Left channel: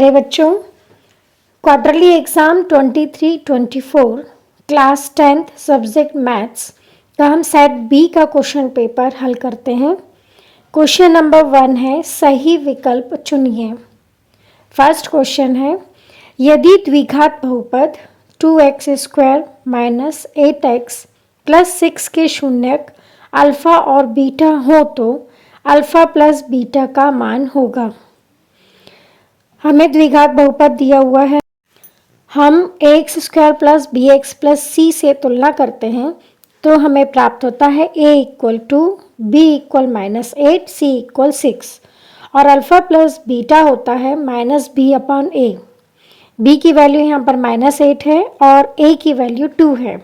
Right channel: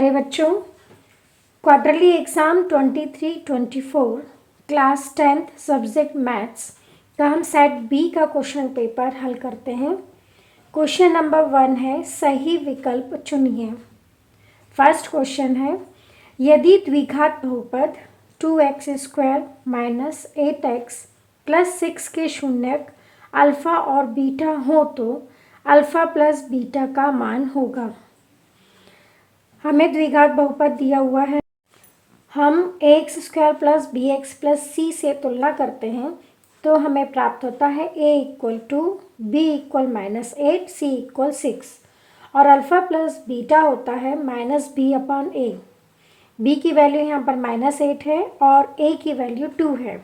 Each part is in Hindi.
प्यारे बच्चों, quarterly exam 23-24 class 10th subject maths का हम सेट बी का क्वेश्चन पेपर हल करते हैं। क्वेश्चन नंबर 1 है, सही विकल्प चुनिए। फर्स्ट क्वेश्चन है, यदि द्विघात बहुपद 2x² माइनस 8x प्लस 6 के शून्यक अल्फ़ा और बीटा हो तो अल्फ़ा प्लस बीटा का मान होगा। हमें द्विघात बहुपद दिया हुआ है, हम ax² plus bx plus c से तुलना करते हैं तो हमें प्राप्त होता है a equal to b equal -8 c equal 6 और अल्फ़ा प्लस बीटा होता है -b अपॉन a। b की वैल्यू यहाँ पर -8 है और a की वैल्यू 2 है,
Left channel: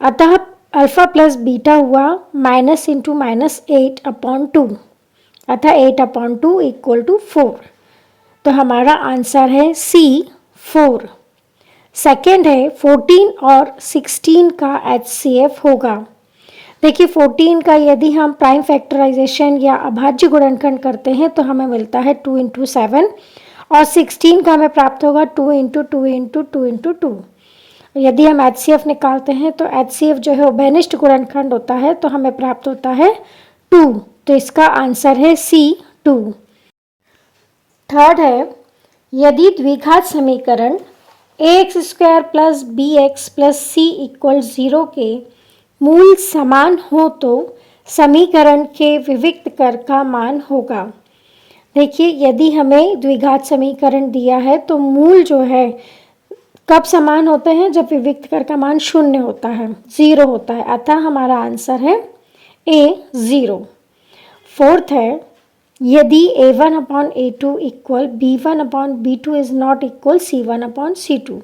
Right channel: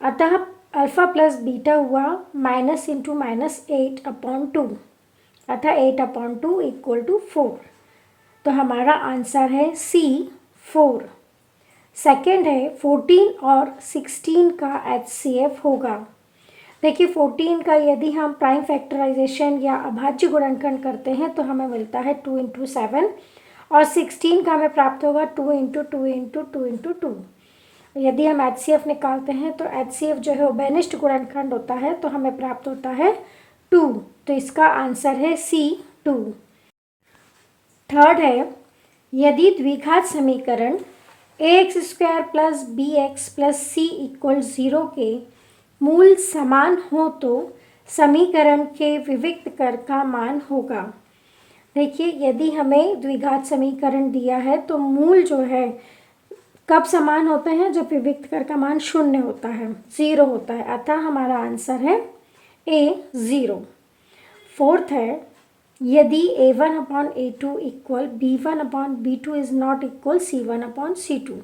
अतः अल्फ़ा प्लस बीटा हुआ माइनस इंटू -8 अपॉन 2, अतः 8 अपॉन 2 इक्वल टू 4। तो हमारा आंसर है C 4। सेकेंड है, 14 और 16 का HCF होगा। देखिए 14 का यदि हम प्राइम फैक्टराइजेशन या अभाज्य गुणनखंड करते हैं तो हमें मिलता है 2 इंटू 7 और 16 का हमें प्राप्त होगा 2 इंटू 2 इंटू 2 इंटू 2। यदि हम HCF निकालते हैं तो HCF जो है उभयनिष्ठ गुणनखंड होता है तो हमें प्राप्त होता है 2, तो इसका आंसर है C 2। थर्ड है, यदि द्विघात समीकरण ax² plus bx plus c equal 0 के मूल समान हो तो समीकरण के विविक्त कर का मान होगा। देखिए यदि हमें द्विघात समीकरण दिया है तो मूल जो है कब समान होते हैं, जब विविक्त कर का मान 0 होता है, 0 होता है, अतः हमारा आंसर है A 0। फोर्थ है, यदि a1 upon a2 equal b1 upon b2 is not equal c1 upon c2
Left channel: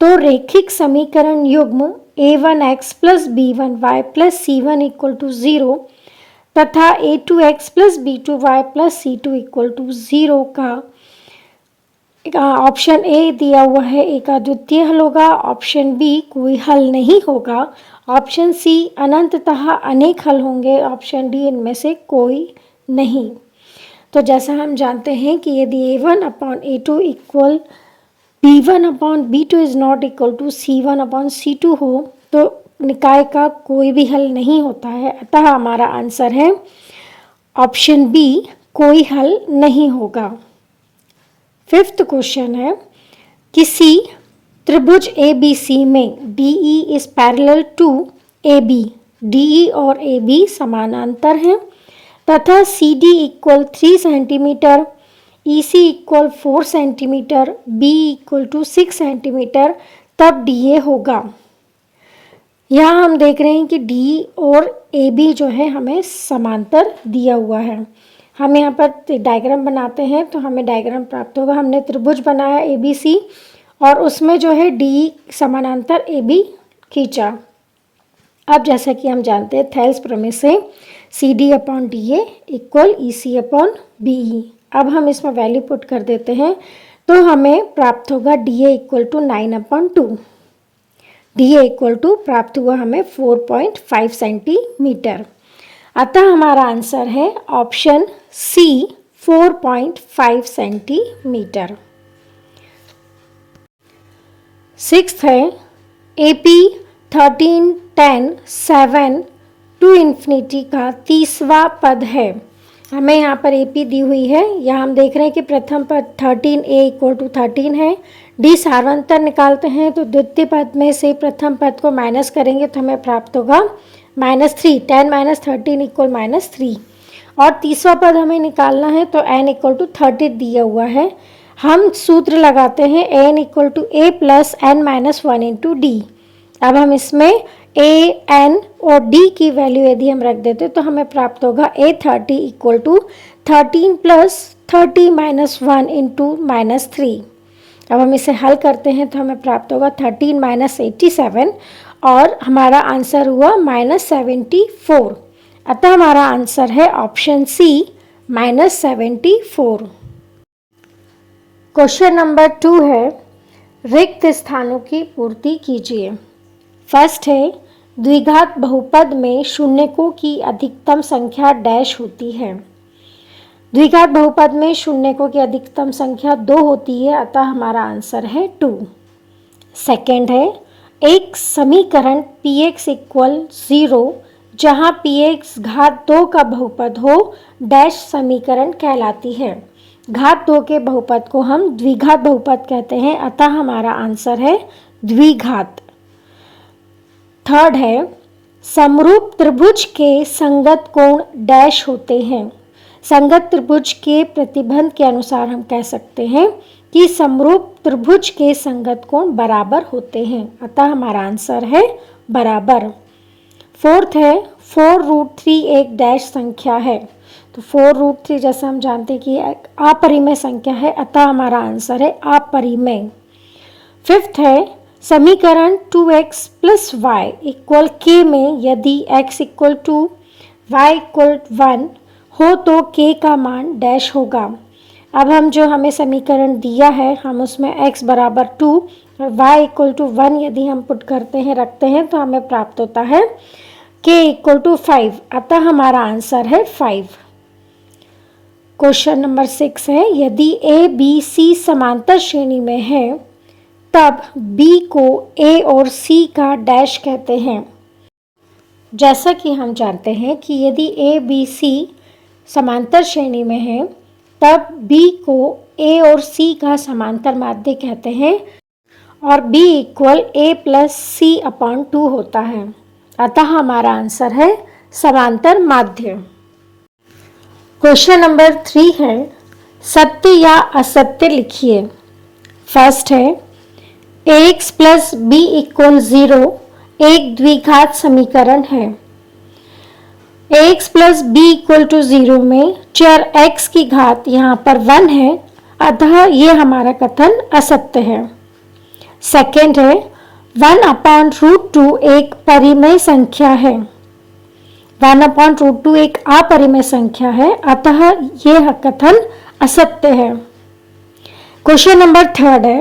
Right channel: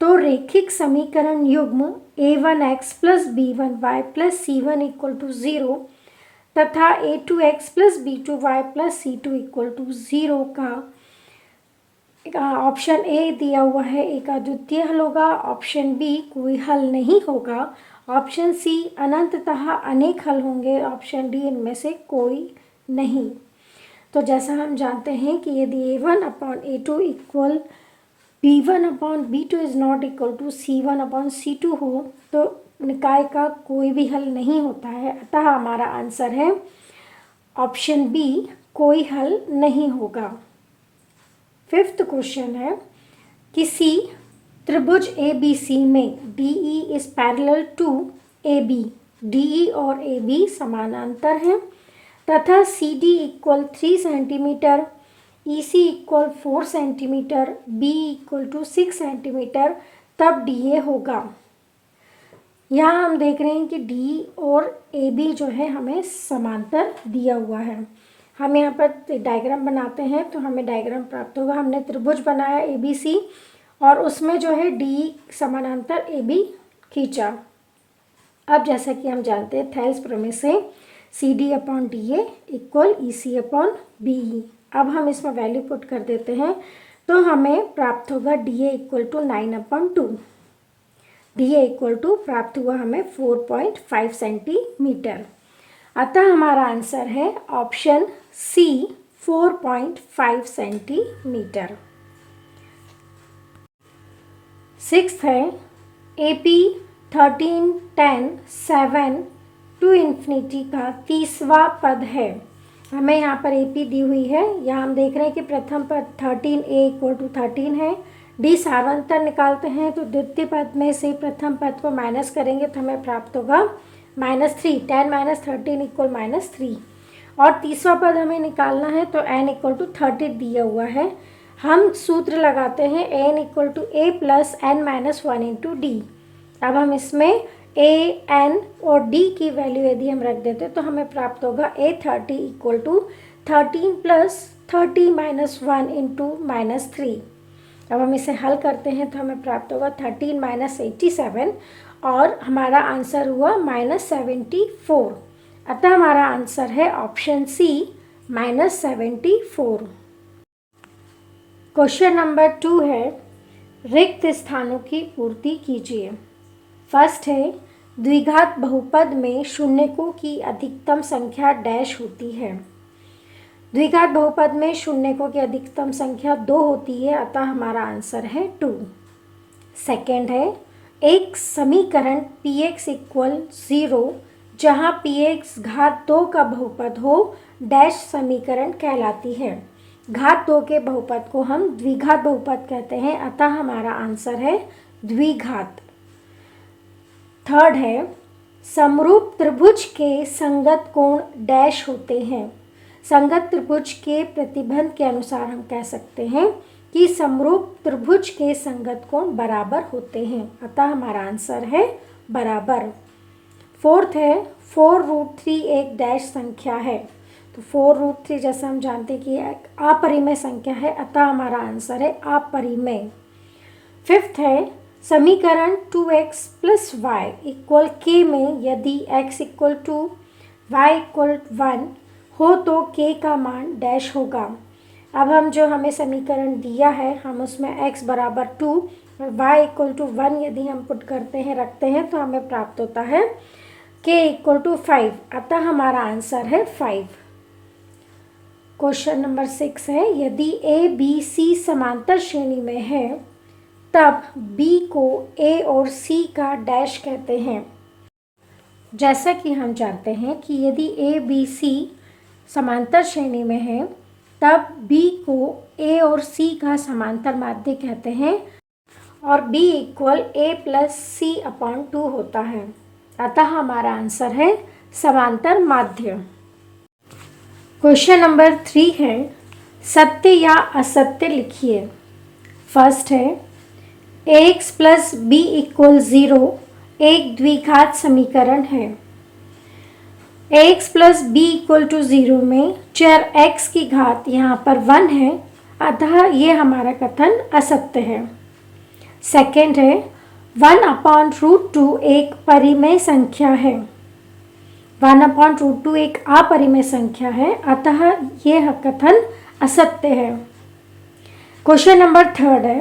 तो रेखिक समीकरण युग्म a1x plus b1y plus c1 equal to 0 तथा a2x plus b2y plus c2 equal to 0 का ऑप्शन ए दिया हुआ है, एक अद्वितीय हल होगा, ऑप्शन बी कोई हल नहीं होगा, ऑप्शन सी अनंततः अनेक हल होंगे, ऑप्शन डी इनमें से कोई नहीं। तो जैसा हम जानते हैं कि यदि a1 upon a2 equal b1 upon b2 is not equal to c1 upon c2 हो तो निकाय का कोई भी हल नहीं होता है, अतः हमारा आंसर है ऑप्शन बी कोई हल नहीं होगा। फिफ्थ क्वेश्चन है, किसी त्रिभुज ABC में DE is parallel to AB, DE और AB समानांतर हैं तथा CD equal 3 centimetre, EC equal 4 centimetre, B equal to 6 centimetre, तब DA होगा। यहाँ हम देख रहे हैं कि D और AB जो है हमें समांतर दिया हुआ है। हम यहाँ पर डायग्राम बनाते हैं तो हमें डायग्राम प्राप्त होगा। हमने त्रिभुज बनाया ABC और उसमें जो है DE समानांतर AB खींचा। अब जैसा कि हम जानते हैं थेल्स प्रमेय से CD upon DA equal EC upon BE। अब हम इसमें वैल्यू पुट कर देते हैं तो हमें प्राप्त होगा DA equal to 9 upon 2। DA equal to प्राप्त हुआ हमें 4.5 सेंटीमीटर, अतः हमारा आंसर है ऑप्शन C 4.5 सेंटीमीटर। सिक्स्थ है, AP 13, 10, 7 टू इन्फिनिटी का तीसवा पद है। हमें यहाँ पर AP दी हुई है, यहाँ हम देख रहे हैं कि प्रथम पद 13a इक्वल टू 13 है। D सार्वंतर निकालते हैं तो द्वितीय पद में से प्रथम पद को माइनस करेंगे तो हमें प्राप्त होगा -3, 10 माइनस 13 इक्वल -3 और तीसरा पद हमें निकालना है तो n इक्वल टू 30 दिया हुआ है। हम सूत्र लगाते हैं n equal to a plus n minus 1 into d. अब हम इसमें a, n और d की वैल्यू यदि हम रख देते तो हमें प्राप्त होगा a30 equal to 13 plus 30 minus 1 into -3। अब हम इसे हल करते हैं तो हमें प्राप्त होगा 13 माइनस 87 और हमारा आंसर हुआ -74, अतः हमारा आंसर है ऑप्शन सी -74। क्वेश्चन नंबर 2 है, रिक्त स्थानों की पूर्ति कीजिए। फर्स्ट है, द्विघात बहुपद में शून्यकों की अधिकतम संख्या डैश होती है। द्विघात बहुपद में शून्यकों की अधिकतम संख्या 2 होती है, अतः हमारा आंसर है 2। सेकेंड है, एक समीकरण px इक्वल 0 जहाँ px घात 2 का बहुपद हो डैश समीकरण कहलाती है। घात 2 के बहुपद को हम द्विघात बहुपद कहते हैं, अतः हमारा आंसर है द्विघात। थर्ड है, समरूप त्रिभुज के संगत कोण डैश होते हैं। संगत त्रिभुज के प्रतिबंध के अनुसार हम कह सकते हैं कि समरूप त्रिभुज के संगत कोण बराबर होते हैं, अतः हमारा आंसर है बराबर। फोर्थ है, 4√3 एक डैश संख्या है। तो 4√3 जैसे हम जानते हैं कि एक अपरिमेय संख्या है, अतः हमारा आंसर है अपरिमेय। फिफ्थ है, समीकरण 2x plus y equal k में यदि x equal to y equal 1 हो तो k का मान डैश होगा। अब हम जो हमें समीकरण दिया है हम उसमें x बराबर 2 और y इक्वल टू 1 यदि हम पुट करते हैं रखते हैं तो हमें प्राप्त होता है k इक्वल टू 5, अतः हमारा आंसर है 5। क्वेश्चन नंबर 6 है, यदि a b c समांतर श्रेणी में है तब b को a और c का डैश कहते हैं। जैसा कि हम जानते हैं कि यदि a b c समांतर श्रेणी में है तब b को a और c का समांतर माध्य कहते हैं और b equal a plus c upon 2 होता है, अतः हमारा आंसर है समांतर माध्य। क्वेश्चन नंबर 3 है, सत्य या असत्य लिखिए। फर्स्ट है, ax प्लस b इक्वल 0 एक द्विघात समीकरण है। ax plus b equal to 0 में चर x की घात यहाँ पर 1 है, अतः ये हमारा कथन असत्य है। सेकेंड है, 1/√2 एक परिमेय संख्या है। 1/√2 एक अपरिमेय संख्या है, अतः यह कथन असत्य है। क्वेश्चन नंबर 3 है,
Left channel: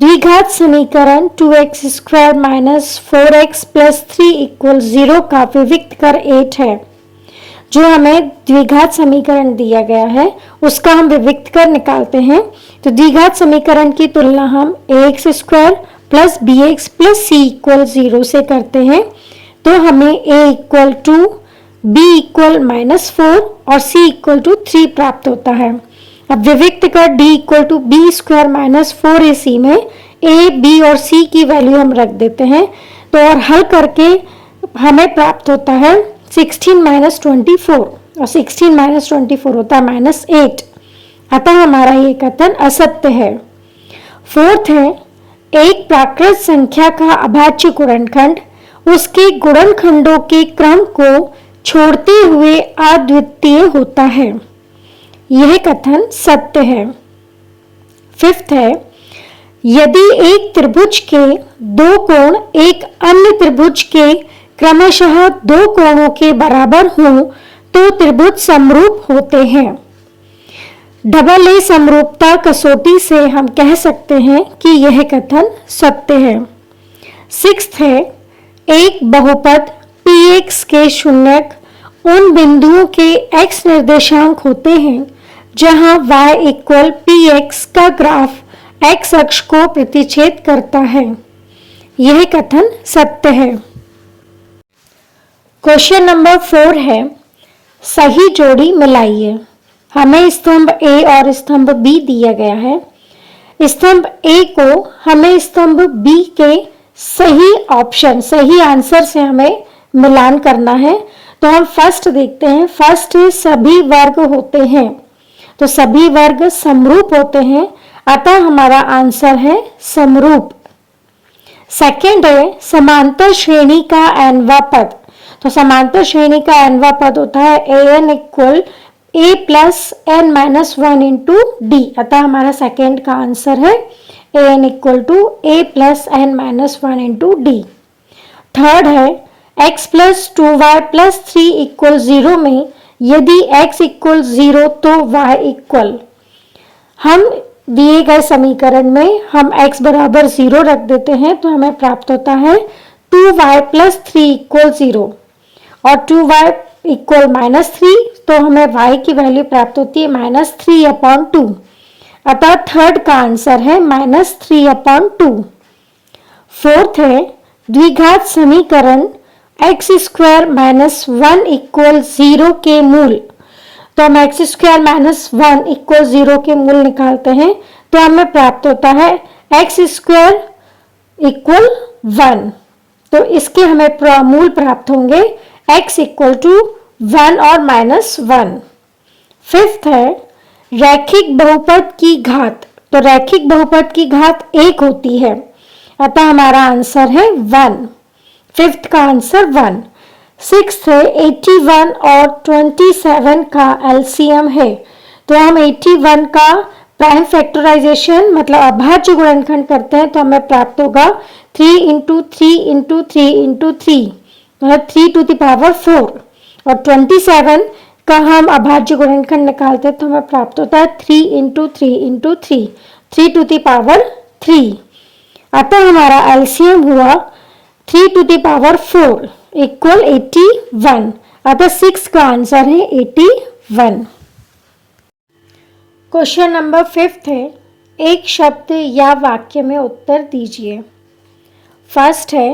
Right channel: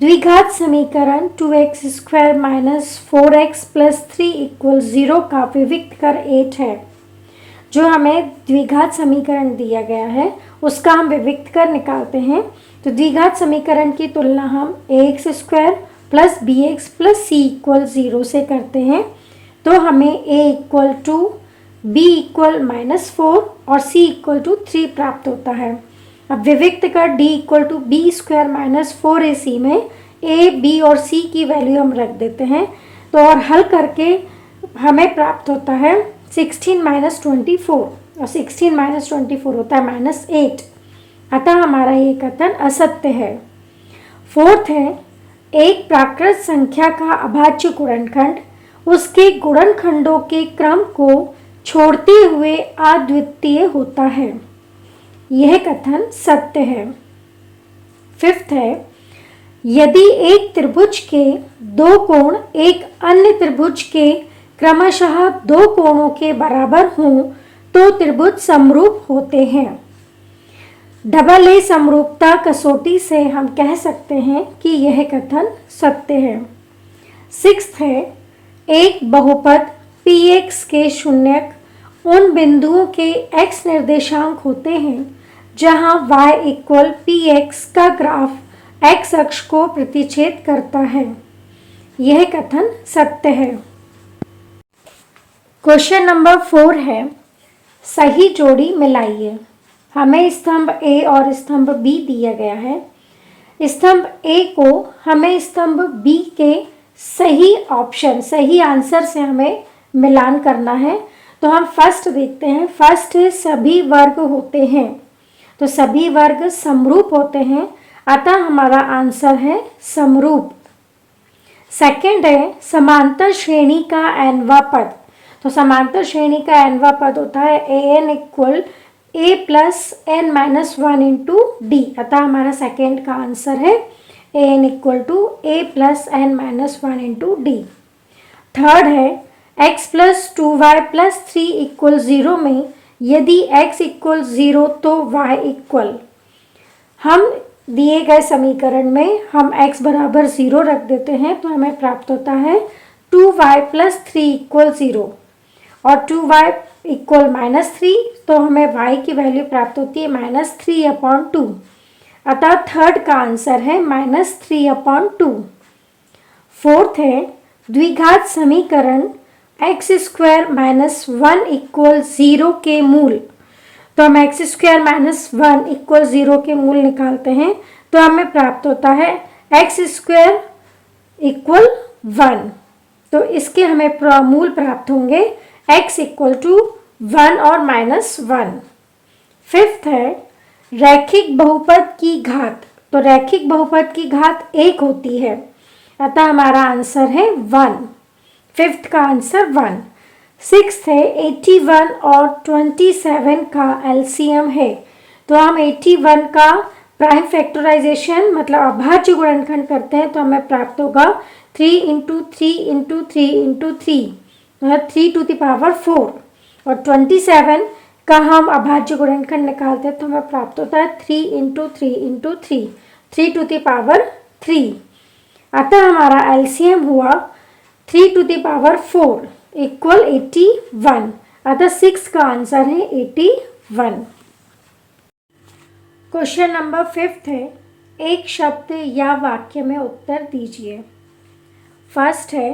द्विघात समीकरण 2x² minus 4x plus 3 equal 0 का विविक्त कर 8 है। जो हमें द्विघात समीकरण दिया गया है उसका हम विविक्त कर निकालते हैं। तो द्विघात समीकरण की तुलना हम ax² plus bx plus c equal 0 से करते हैं, तो हमें a equal to b equal -4 और c इक्वल टू 3 प्राप्त होता है। अब विविक्त कर d equal to b² minus 4ac में a, b और c की वैल्यू हम रख देते हैं, तो और हल करके हमें प्राप्त होता है 16 माइनस 24 और 16 माइनस 24 होता है -8, अतः हमारा ये कथन असत्य है। फोर्थ है, एक प्राकृत संख्या का अभाज्य गुणनखंड उसके गुणनखंडों के क्रम को छोड़ते हुए अद्वितीय होता है, यह कथन सत्य है। फिफ्थ है, यदि एक त्रिभुज के दो कोण एक अन्य त्रिभुज के क्रमशः 2 कोणों के बराबर हों तो त्रिभुज समरूप होते हैं। डबल ए समरूपता कसौटी से हम कह सकते हैं कि यह कथन सत्य है। सिक्स्थ है, एक बहुपद px के शून्यक उन बिंदुओं के x निर्देशांक होते हैं जहां y इक्वल px का ग्राफ x अक्ष को प्रतिच्छेद करता है, यह कथन सत्य है। क्वेश्चन नंबर 4 है, सही जोड़ी मिलाइए। हमें स्तंभ A और स्तंभ B दिया गया है। स्तंभ A को हमें स्तंभ B के सही ऑप्शन, सही आंसर से हमें मिलान करना है। तो हम फर्स्ट देखते हैं। फर्स्ट सभी वर्ग होते हैं, तो सभी वर्ग समरूप होते हैं, अतः हमारा आंसर है समरूप। सेकंड है, समांतर श्रेणी का nवां पद। तो समांतर श्रेणी का nवां पद होता है an equal a plus n minus 1 into d, अतः हमारा सेकेंड का आंसर है an equal to a plus n minus 1 into d. Third है, x plus 2y plus 3 equal 0 में यदि x इक्वल 0 तो y इक्वल, हम दिए गए समीकरण में हम x बराबर 0 रख देते हैं तो हमें प्राप्त होता है 2y प्लस 3 इक्वल 0 और 2y इक्वल -3, तो हमें y की वैल्यू प्राप्त होती है -3/2। अतः थर्ड का आंसर है -3/2। फोर्थ है द्विघात समीकरण x² - 1 = 0 के मूल। तो हम x² - 1 = 0 के मूल निकालते हैं तो हमें प्राप्त होता है x² = 1। तो इसके हमें मूल प्राप्त होंगे x = 1 और -1। फिफ्थ है रैखिक बहुपद की घात। तो रैखिक बहुपद की घात 1 होती है, अतः हमारा आंसर है 1। फिफ्थ का आंसर 1। सिक्स्थ है 81 और 27 का एलसीएम है। तो हम 81 का प्राइम फैक्टराइजेशन मतलब अभाज्य गुणनखंड करते हैं तो हमें प्राप्त होगा 3 × 3 × 3 × 3 मतलब 3⁴। और 27 का हम अभाज्य गुणनखंड निकालते हैं तो हमें प्राप्त होता है 3 × 3 × 3 अतः हमारा एलसीएम हुआ 3⁴ = 81। अतः 6 का आंसर है 81। क्वेश्चन नंबर 5 है एक शब्द या वाक्य में उत्तर दीजिए। फर्स्ट है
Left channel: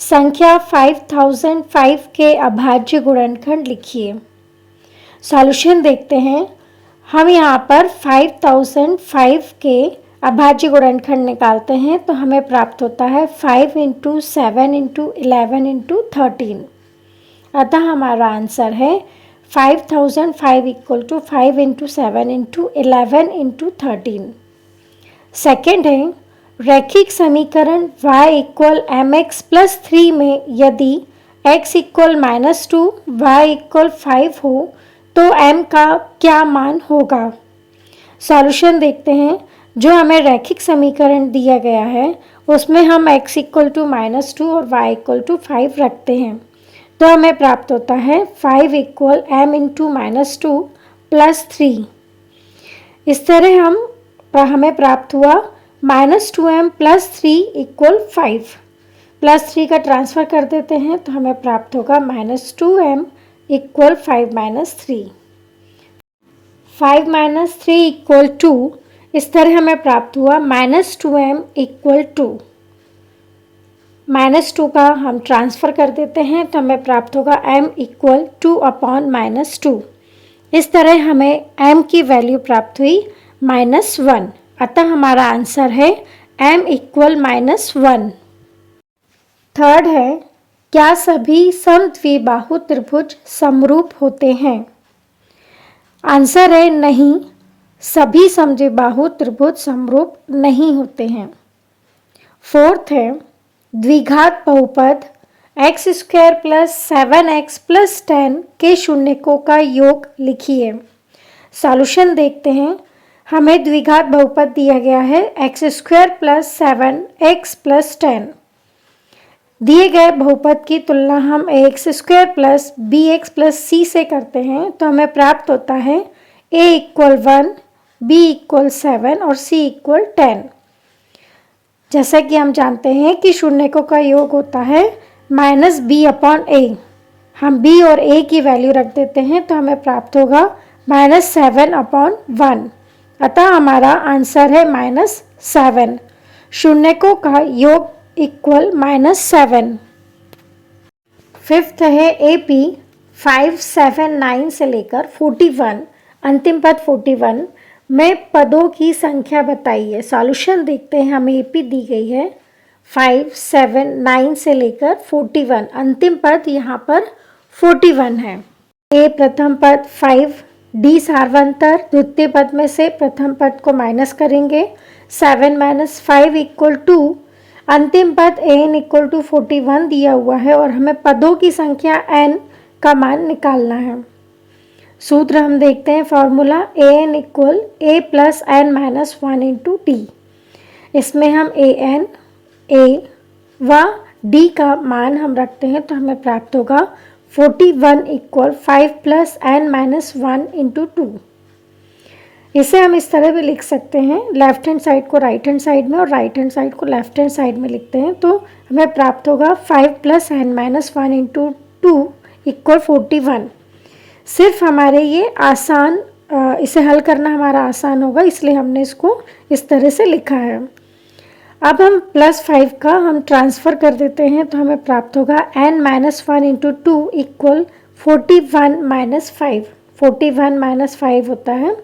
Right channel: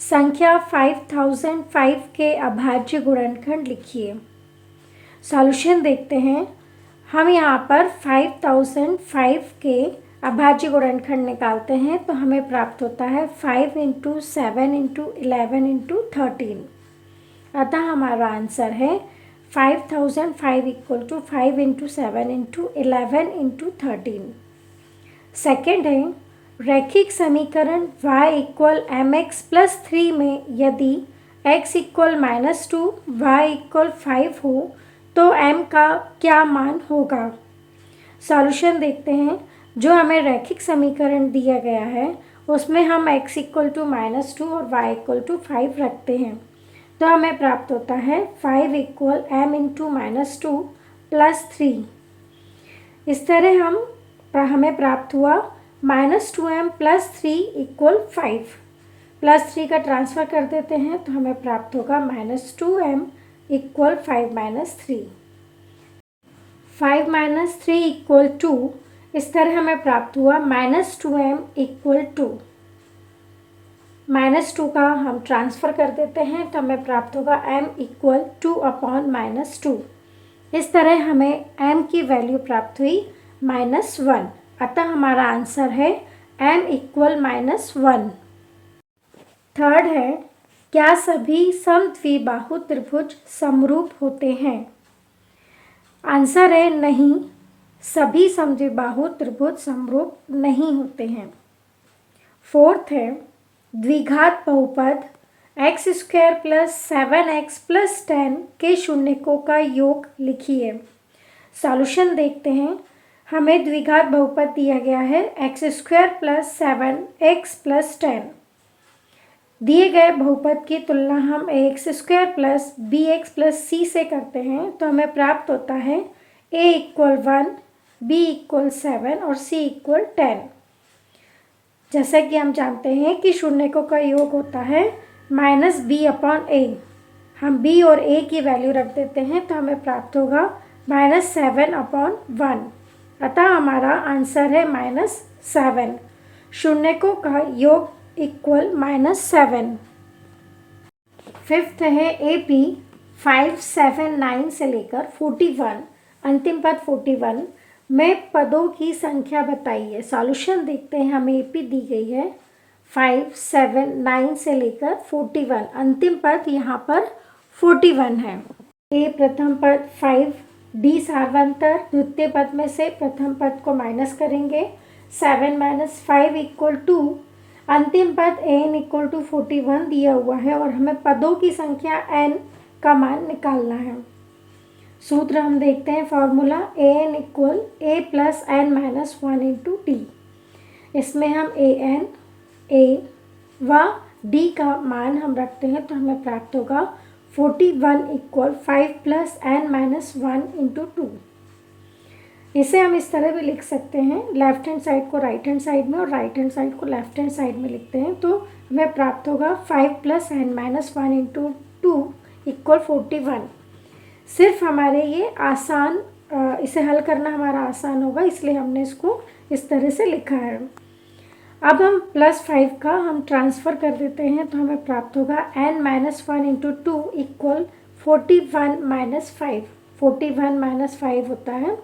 संख्या 5005 के अभाज्य गुणनखंड लिखिए। सॉल्यूशन देखते हैं। हम यहाँ पर 5005 के अभाज्य गुणनखंड निकालते हैं तो हमें प्राप्त होता है 5 × 7 × 11 × 13। अतः हमारा आंसर है 5005 = 5 × 7 × 11 × 13। सेकेंड है रैखिक समीकरण y = mx + 3 में यदि x = -2 y = 5 हो तो m का क्या मान होगा। सॉल्यूशन देखते हैं। जो हमें रैखिक समीकरण दिया गया है उसमें हम x = -2 और y = 5 रखते हैं तो हमें प्राप्त होता है 5 = m × -2 + 3। इस तरह हमें प्राप्त हुआ -2m + 3 = 5 +3 का ट्रांसफ़र कर देते हैं तो हमें प्राप्त होगा -2m = 5 - 3। 5 - 3 = 2। इस तरह हमें प्राप्त हुआ -2m = 2। -2 का हम ट्रांसफ़र कर देते हैं तो हमें प्राप्त होगा m = 2/-2। इस तरह हमें m की वैल्यू प्राप्त हुई -1। अतः हमारा आंसर है m = -1। थर्ड है क्या सभी समद्विबाहु त्रिभुज समरूप होते हैं। आंसर है नहीं, सभी समद्विबाहु त्रिभुज समरूप नहीं होते हैं। फोर्थ है द्विघात बहुपद x² + 7x + 10 के शून्यकों का योग लिखिए। सॉल्यूशन देखते हैं। हमें द्विघात बहुपद दिया गया है x² + 7x + 10। दिए गए बहुपद की तुलना हम ax² + bx + c से करते हैं तो हमें प्राप्त होता है a = 1, b = 7 और c = 10। जैसा कि हम जानते हैं कि शून्यकों का योग होता है -b/a। हम b और a की वैल्यू रख देते हैं तो हमें प्राप्त होगा -7/1। अतः हमारा आंसर है -7। शून्यकों का योग = -7। फिफ्थ है AP 579 से लेकर 41 अंतिम पद 41 में पदों की संख्या बताइए। सॉल्यूशन देखते हैं। हमें AP दी गई है 579 से लेकर 41 अंतिम पद यहाँ पर 41 है। A प्रथम पद 5, D सार्वंतर द्वितीय पद में से प्रथम पद को माइनस करेंगे 7 - 5 = 2। अंतिम पद an = 41 दिया हुआ है और हमें पदों की संख्या n का मान निकालना है। सूत्र हम देखते हैं। Formula an = a + n - 1 × d। इसमें हम an, a व d का मान हम रखते हैं तो हमें प्राप्त होगा 41 = 5 + n - 1 × 2। इसे हम इस तरह भी लिख सकते हैं। लेफ्ट हैंड साइड को राइट हैंड साइड में और राइट हैंड साइड को लेफ्ट हैंड साइड में लिखते हैं तो हमें प्राप्त होगा 5 + n - 1 × 2 इक्वल 41। सिर्फ हमारे ये आसान इसे हल करना हमारा आसान होगा, इसलिए हमने इसको इस तरह से लिखा है। अब हम +5 का हम ट्रांसफ़र कर देते हैं तो हमें प्राप्त होगा n-1 इंटू 2 इक्वल 41 - 5। 41 - 5 होता है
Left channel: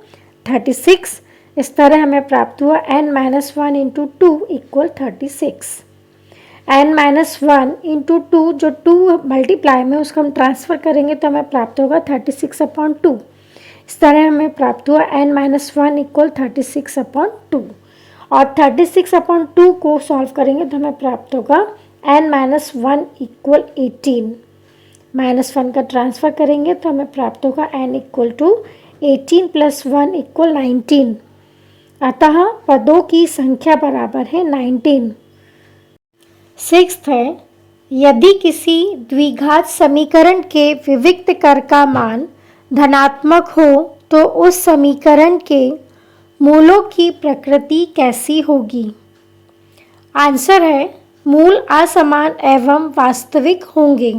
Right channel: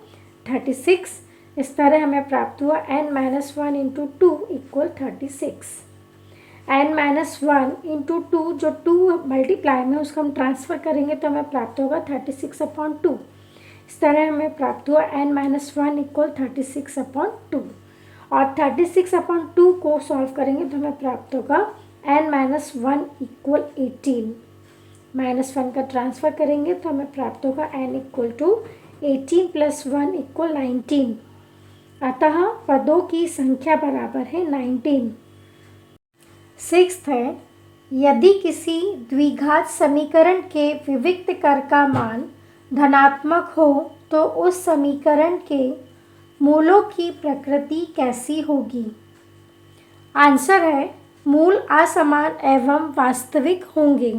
36। इस तरह हमें प्राप्त हुआ n-1 into 2 equal 36। n-1 into 2, जो 2 मल्टीप्लाई में उसको हम ट्रांसफ़र करेंगे तो हमें प्राप्त होगा 36/2। इस तरह हमें प्राप्त हुआ n-1 इक्वल 36/2। और 36/2 को सॉल्व करेंगे तो हमें प्राप्त होगा n-1 इक्वल 18। -1 का ट्रांसफ़र करेंगे तो हमें प्राप्त होगा n इक्वल टू 18 + 1 इक्वल 19। अतः पदों की संख्या बराबर है 19। 6th है, यदि किसी द्विघात समीकरण के विविक्त कर का मान धनात्मक हो तो उस समीकरण के मूलों की प्रकृति कैसी होगी? आंसर है मूल असमान एवं वास्तविक होंगे।